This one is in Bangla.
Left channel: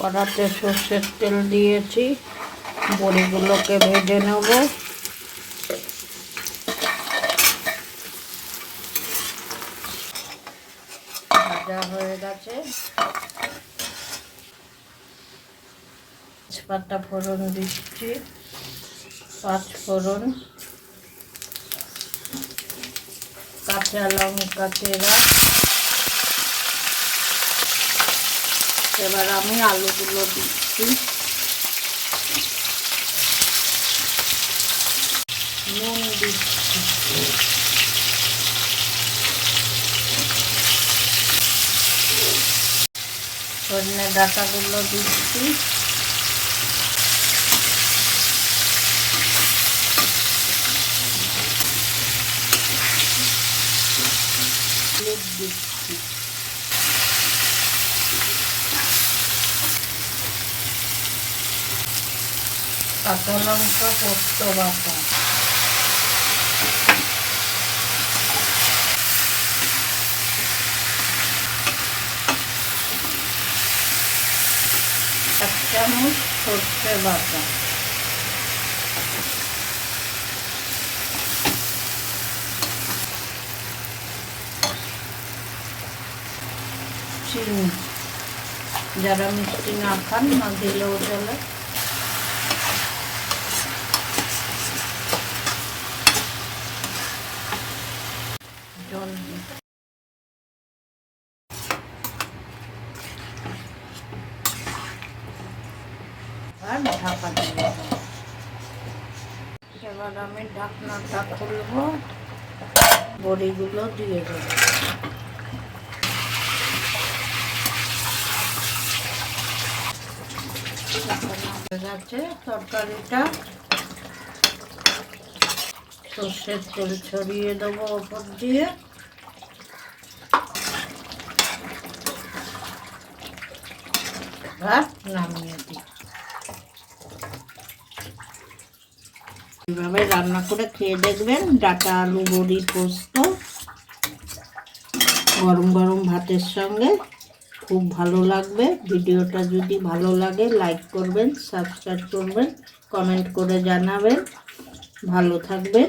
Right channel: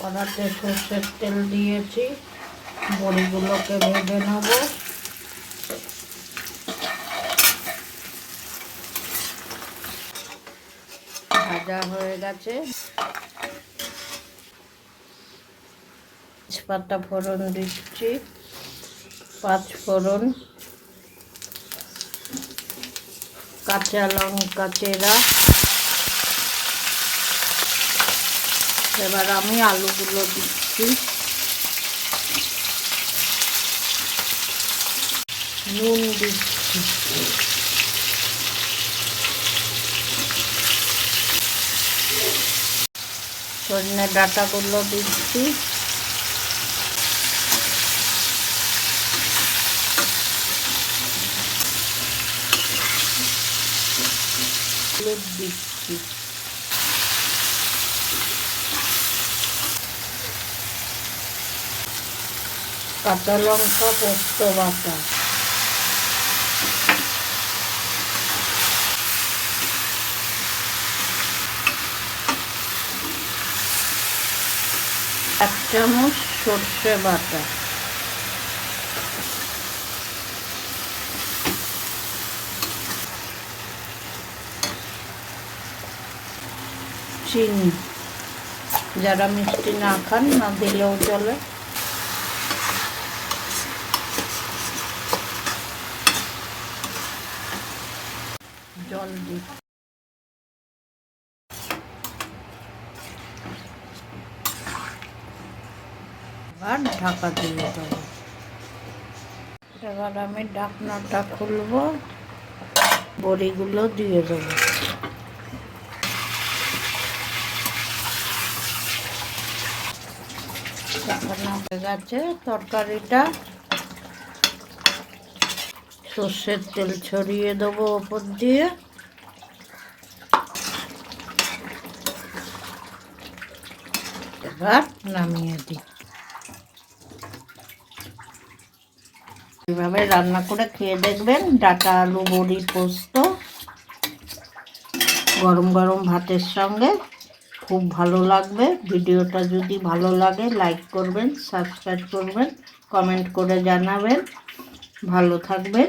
কড়াতে সর্ষের তেল দিয়েছি। বড়িগুলোকে ভেজে নেব। ভাজা হয়ে গেছে। তেজপাতা ফোড়ন দিচ্ছি। পাঁচ ফোড়ন। কাঁচা লঙ্কা চেরা। এবার আমি আলুগুলো দিচ্ছি। নুন দিচ্ছি। সজনে ডাটাগুলো দিচ্ছি। দিচ্ছি। কাঁচা লঙ্কা, পোস্ত বাটা। এক চামচ সর্ষে বাটা। চিনি। যারা মিষ্টি না খান, না দিলেও চলে জল দিই আর ঢাকা দিয়ে দেবো এবার আমি ঢাকনাটা খুলবো, বড়িগুলো দিয়ে দেবো। গেছে, তরকারিটা সর্ষের তেল ছড়িয়ে দেবো ওপর দিয়ে। এবার নামিয়ে দিই। এভাবে রান্না করে খেয়ে দেখবেন, ডাটা, আলু, বড়ি, পোস্ত, গরম গরম ভাতের সঙ্গে খুব ভালো লাগবে। ভিডিওটা যদি ভালো লাগে, লাইক করবেন, সাবস্ক্রাইব করবেন, কমেন্ট করে জানাবেন। ভালো থাকবেন।